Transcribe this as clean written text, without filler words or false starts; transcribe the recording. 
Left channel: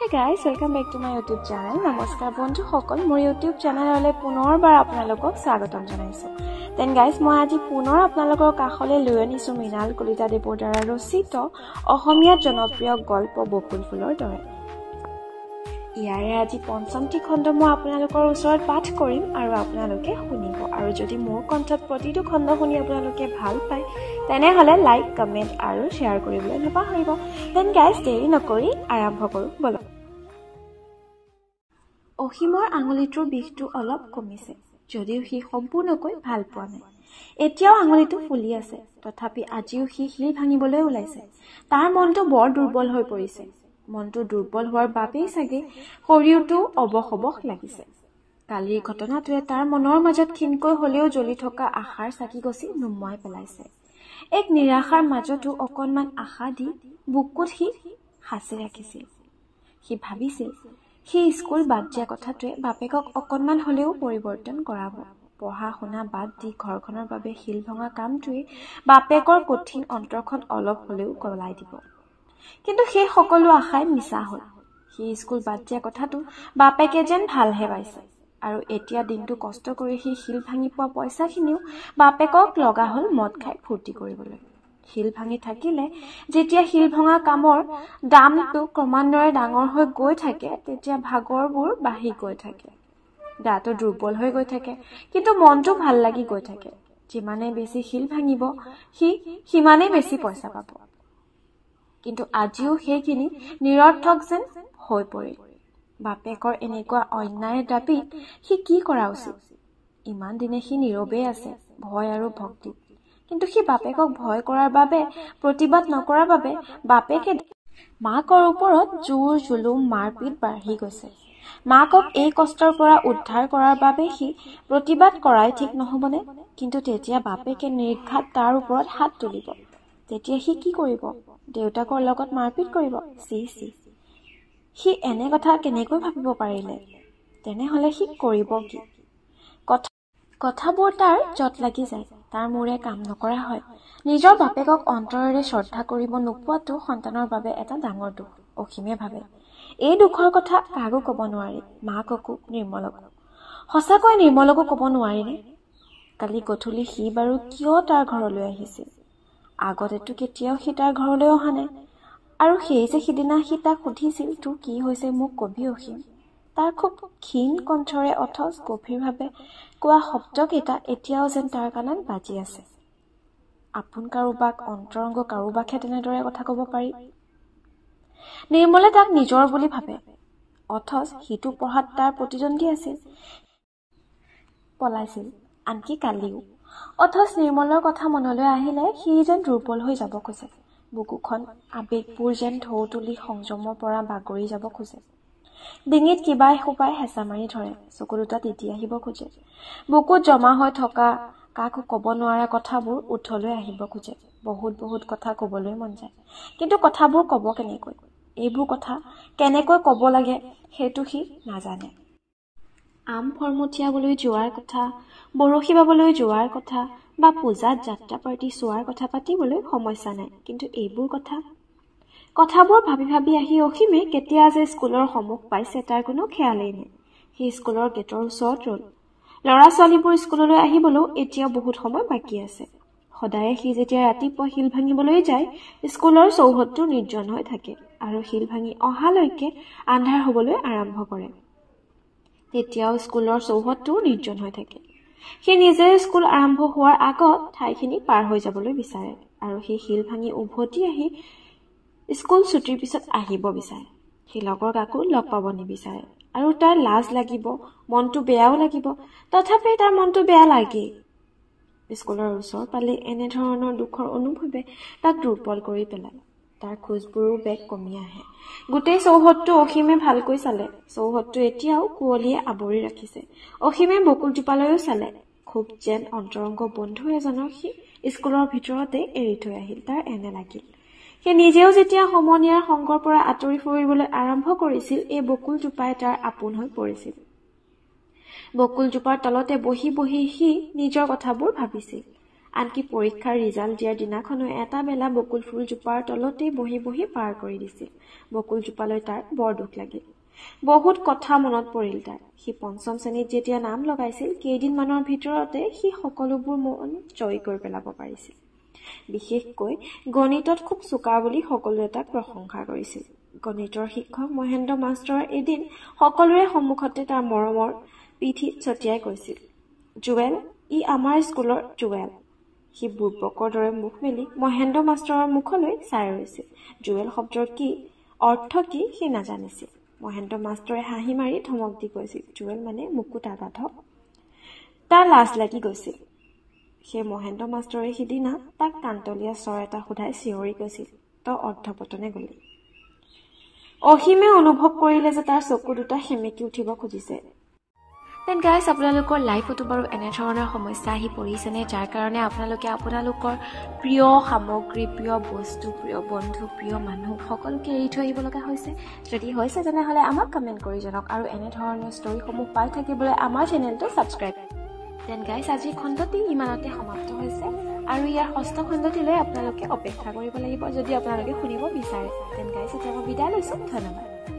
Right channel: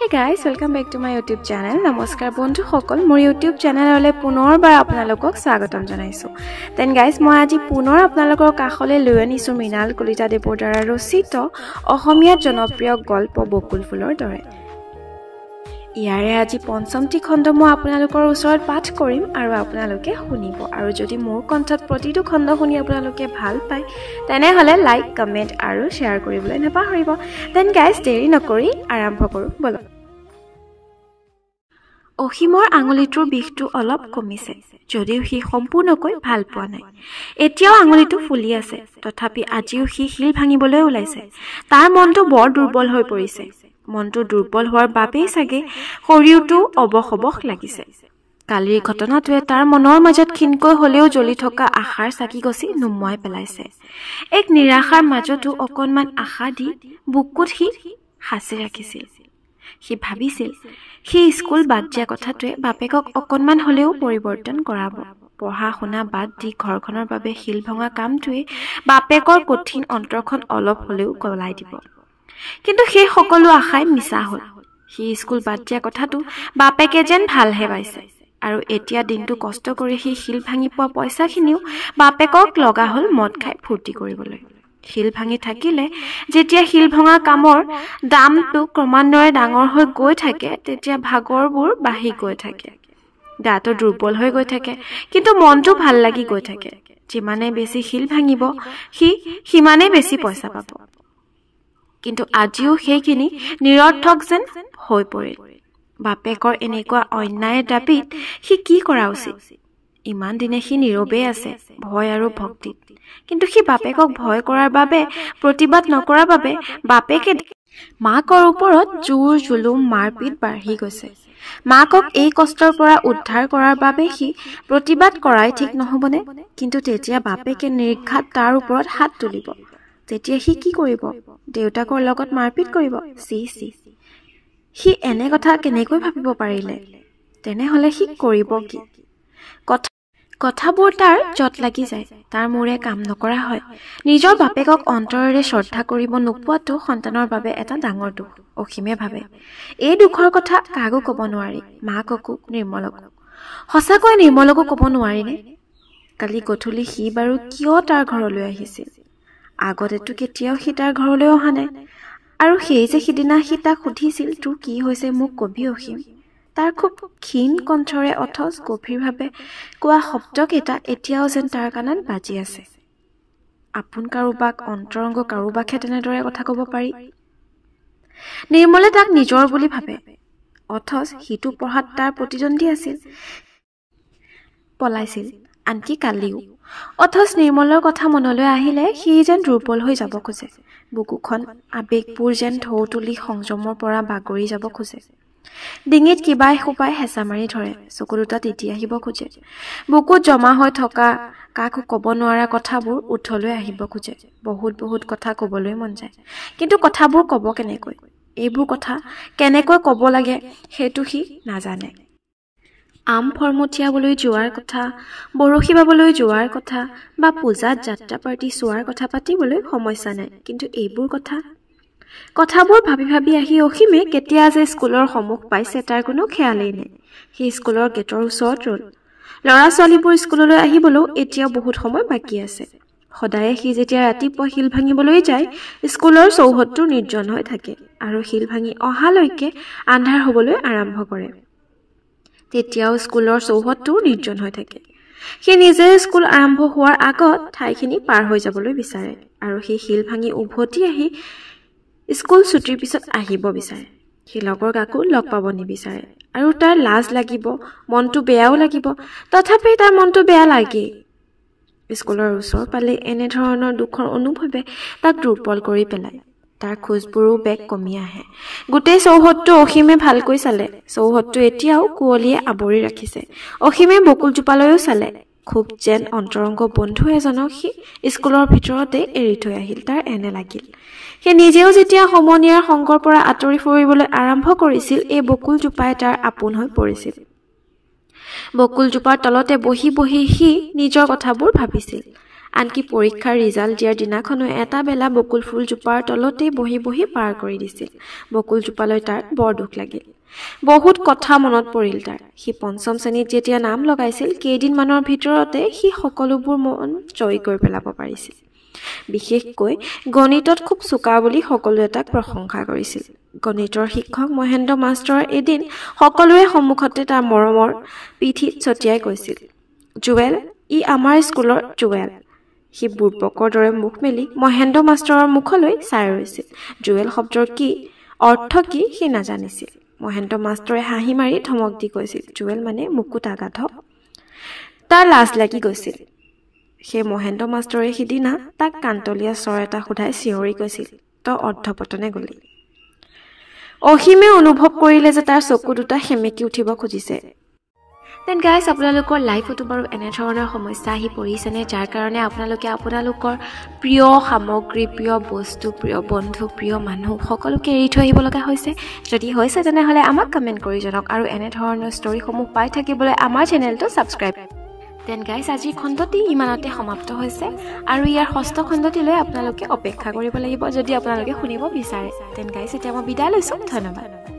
Hey guys, welcome back to my YouTube channel. Namaskar bondhu সকল মোৰ YouTube চেনেললৈ পুনৰবাৰ আপোনালোকক স্বাগতম জনাইছো। Then guys, মই আজি পুনৰ আপোনালোকৰ কাষলৈ লৈ আনিছো মৃণাল কলিতা দেৱৰ দ্বাৰা ৰচিত অসমীয়া জনপ্ৰিয় গল্প বকুল ফুলৰ দৰে। ইয়াৰে আজি পঞ্চমটি খণ্ড মই আপোনালোকৰ ওচৰত পাঠ কৰিম আৰু আপোনালোকে শুনিব। আৰু যদি মোৰ কণ্ঠত প্ৰতিটো খণ্ড শুনি আপোনালোকে ভাল পায় তেনেহলে লাইক, কমেন্ট আৰু শেয়াৰ কৰিবলৈ নাপাহৰিব। Then guys, দেৰি নকৰি আৰম্ভ কৰো বলক। অসীমৰ আঙুলিটোৰ বিষটো অলপ কমিছে, যদিও সি সম্পূৰ্ণকৈ ভাল পোৱা নাই। এতিয়াও আঙুলিটো ফুলি আছে, তথাপি আজিও সি শিল ভাঙিবলৈ ওলাইছে। তাৰ মনটো বৰ দুৰ্বল হৈ পৰিছে। মনটো দুৰ্বল হোৱাৰ বাবেই চাগে শৰীৰটো অবশ লাগিছে। কালিৰ ঘটনাটোৱে তাৰ মনৰ মাজত ক্ষীণকৈ হলেও জ্বলি থকা আশাৰ চাকি গছি নুমুৱাই পেলাইছে। এক নিৰাশাৰ মাজতো অকণমান আশা দি বুকুত সি সাঁচি ৰাখিছিল। সি ভাবিছিল সি স্কুল বাদ দিয়া কথাটোৱে বাপেকক অকণমান হলেও পৰিৱৰ্তন কৰাব। পঢ়া শুনা বাদ দি ঘৰখনৰ বাবে শিল ভঙা কামটোৱে বাপেকৰ কঠিন অন্তৰখন অলপ হলেও গলাই দিব। কিন্তু সেই সকলো আশাই মিছা হ'ল। সি স্কুল বাদ দিয়া কথাটো বাপেকে যেন ভালহে পাইছে, আৰু এতিয়া দিনটো কষ্ট কৰি সি শিল ভাঙি পোৱা পইচাখিনিও বাপেকক লগা হ'ল মদ খাই ফূৰ্তি কৰিবলৈ। শিল ভাঙি থাকিলে যেতিয়া শিল ভঙা কামৰ দামটো ক্ৰমান্বয়ে ডাঙৰ হৈ গৈ থাকে, তেতিয়া ভাগৰবোৰ বাঢ়ি গৈ থাকে। গাটো দুৰ্বল হৈ গৈ থাকে, কিন্তু মনটো ভাল লাগি গৈ থাকে। যিমানে বেছি শিল ভাঙিব সি সিমানে বেছি পইচা পাব। কিন্তু আজিও সেইখিনি নিৰৰ্থক যেন হৈ পৰিল। বাপেকৰ এনেকুৱা অন্যায় দাবীত সি কি কৰা উচিত? ইমান দিনে সি নীৰৱেই আছে, ভয় আৰু ভক্তিত। কিন্তু সি বাপেকক ভয় কৰাৰ বাবে, প্ৰতিবাদ নকৰাৰ বাবে বাপেকে মাকৰ ওপৰত জোৰ জুলুম মাৰপিট বাঢ়ি গৈছে। মাকক এই কষ্টৰ পৰা উদ্ধাৰ কৰাৰ বাবে সি প্ৰতিবাদ কৰাই ঠিক নহবনে? কিন্তু তেতিয়া বাপেকে নিৰ্ঘাত তাৰ ওপৰত হাত তুলিব। তেতিয়া সি কি কৰিব? দেউতাকৰ লগত মাৰপিট কৰিব? চি সি এনে কথা কেনেকৈ ভাবিব পাৰিলে? তেনেহলে সি কৰিব কি? কথাবোৰ তাৰ জট লাগি যায়, তাৰ মূৰে কাম নকৰা হয়। নিজৰ বাপেকক অন্তৰেৰে শ্ৰদ্ধা কৰিব নোপোৱাটো সন্তানৰ বাবে এটা ডাঙৰ দুখ, অসীমে ভাবে। এই দুখৰ কথা কাকো কব নোৱাৰি, মাককো, নিৰ্মলকো। সঁচাকৈ নিৰ্মলকো কব নোৱাৰিনে? কালি গধূলি সি বাৰু কিয় তাৰ ঘৰলৈ আহিছিল? আগতেতো কেতিয়াও সি তাৰ ঘৰলৈ অহা নাই। আৰু সেই যে সিদিনা সি তাক সুধিছিল, তোৰ কি হৈছে মোক কবি অসীম? তাৰ খুব ক্ষীণ কণ্ঠৰে অথচ গভীৰভাৱে কোৱা শব্দকেইটা এতিয়াও যেন তাৰ কাণত বাজি আছে। আপোন কাৰোবাক, অন্তৰংগ কাৰোবাকহে তেনেদৰে কথা কব পাৰি। নিৰ্মলে তাক নিজৰ বুলি ভাবে, অথচ সিটো পঢ়াত তাৰ প্ৰতিদ্বন্দ্বী আছিল, পলাইছিল, আনকি কালিও। অথচ নিৰ্মলৰ কথা মনলৈ আহিলে সি যেন দুৰ্বল হৈ যাব খোজে। বুকুখন আবেগবোৰ যেন ঢৌ তুলি সংযমৰ পৰা বাগৰি যাব খোজে। ডিঙিত কিবা এসোপাই হেঁচা মাৰি ধৰে, চকু দুটা তিতি আহিব খোজে। বুকুত জমা হৈ থকা কাকো কব নোৱাৰা কথাবোৰ উঠলৈ আহিব খোজে। বহুত কথা কবলৈ মন যায়, কিন্তু কথাবোৰ কব কেনেকৈ? এইবোৰ কথা কেনেকৈ কব লাগে সেইটো সি নাজানে। আম ফৰমঠিয়াবলৈ যোৱাৰ কথা, বৰশী বাবলৈ যোৱাৰ কথা বা পূজাত যাত্ৰা পাৰ্টি চোৱাৰ কথা পাতিবলৈ সমস্যা নাই, কিন্তু এইবোৰ কথাবোৰ ভাবি আহি অসীমে কেতিয়া যে স্কুলৰ সন্মুখ পাইছে তাৰ কোনো খেয়ালেই নাই। সি স্কুলৰ গেটৰ ওচৰত ৰল। ল'ৰা ছোৱালীবোৰ স্কুললৈ আহিবলৈও এতিয়াও বহুত সময় বাকী আছে। সদায়ে সি যেতিয়া ৰাতিপুৱা শিল ভাঙিবলৈ যায়, স্কুলৰ চৌহদটো নিৰ্জন হৈ থাকে, আৰু শিল ভাঙি অহালৈকে আন্ধাৰ হবলৈ আৰম্ভ কৰে। তেতিয়াও স্কুলৰ চৌহদটো নিৰ্জন হৈ থাকে। সি নিজে স্কুল আৰম্ভ হোৱাৰ আগত ঠাইখিনি পাৰ হৈ যাবলৈ বিচাৰে, আৰু সি শিল ভাঙি উভতি আহি স্কুল ছুটিৰ পিছত আহিব বিচাৰে। সি লগৰ কাকো লগ পাব নিবিচাৰে, আৰু তাৰ লাজ লাগিব, মনটো বেয়াও লাগিব। তথাপি তাৰ মনটো বেয়া লাগেই। স্কুলৰ ওচৰ পালে এনেধৰণৰ দুখৰ অনুভৱে তাক দুৰ্বল কৰি পেলায়। তাৰ খোজবোৰো বেগ কমি আহে। গোটেই চৌহদটো অসীমে ভালকৈ চালে। চৌহদটো এতিয়াও কুঁৱলীয়ে আৱৰি ৰাখিছে। অসীমে বকুলজোপালৈও চালে। খুব যেন অন্তৰংগ বন্ধু এজনক সি স্কুলৰ ভিতৰতে এৰি থৈ আহিল, তাৰ এনে লাগিল। সি নিজেও যেতিয়া সমনীয়াৰ সংগৰ পৰা আঁতৰি ফুৰিবলৈ আৰম্ভ কৰিছিল, এই বকুলজোপাই তাৰ আপোন হৈ পৰিছিল। বকুলজোপাৰ তলতে বহি সি নিজৰ কথাবোৰ ভাবিছিল। আনকি পৰীক্ষাৰ ৰিজাল্ট দিয়াৰ দিনাখনো এটা বেলা বকুল ফুলজোপাৰ তলতেই বহি বহি পাৰ কৰি দিছিল। বকুলজোপালৈ তাৰ বৰ দুখ লাগিল। বহুত কথা মনত পৰিল তাৰ। সি পঞ্চম শ্ৰেণীত যেতিয়া নাম লগাইছিল কেইদিনমানৰ ভিতৰতে সি সকলোবোৰ মন জয় কৰি পেলাব পাৰিছিল। বিশেষকৈ গণিতত খুব চোকা বুলি সকলোৱে তাক প্ৰশংসা কৰিছিল। গণিতৰ শিক্ষক মহেন্দ্ৰ মাষ্টৰ এদিন সকলোৰে সন্মুখতে তাৰ মৰমৰ পিঠিত ছটিয়াই কৈছিল, জুৱেল, ই আমাৰ স্কুলৰ জুৱেল। সি বুৰ্বকৰ দৰে মুখ মেলি মহেন্দ্ৰ মাষ্টৰৰ মুখলৈ চাই ৰৈছিল। জুৱেল শব্দৰ কি অৰ্থ কি সি নাজানিছিল। মহেন্দ্ৰ মাষ্টৰে হাঁহি মাৰি ধমক দি কৈছিল, জুৱেল মানে মুকুত আগাধ। তাৰ লাজ লাগি গৈছিল। সেই মহেন্দ্ৰ মাষ্টৰে সিদিনা তাক কান্তলীয়া স্বৰ এটা সোধাই চিঞৰি কৈছিল, তই অৰ্ধপতনে গলি। অসীমে অনুভৱ কৰিলে যে তাৰ চকু দুটা সেমেকি উঠিব খুজিছে। দেন গাইজ, আপোনালোকৰ লাইফতো বাৰু এনেধৰণৰ সমস্যা আহি পৰিছেনে, যাৰ কাৰণে আপোনালোকে আপোনালোকৰ প্ৰিয় সামগ্ৰী, প্ৰিয় বস্তু, প্ৰিয় বন্ধু, প্ৰিয় মানুহ সকলোকে এৰি থৈ আহিব লগা হৈছে? যদি হৈছে তেনেহ'লে আমাক কমেণ্ট কৰি জনাওক আৰু এনেধৰণৰ ষ্টৰিসমূহ পাই থাকিবলৈ আমাৰ চেনেলটো ছাবস্ক্ৰাইব। দেন গাইজ, আজিৰ খণ্ডটি ইমানতে সমাপ্ত হৈছে আৰু ইয়াৰ ষষ্ঠ খণ্ডটিলৈ আপোনালোকে অপেক্ষা কৰিব লাগিব যদি আপোনালোকে শুনিব বিচাৰে। দেন গাইজ, এতিয়া মই বিদায় লৈছোঁ। ধন্যবাদ।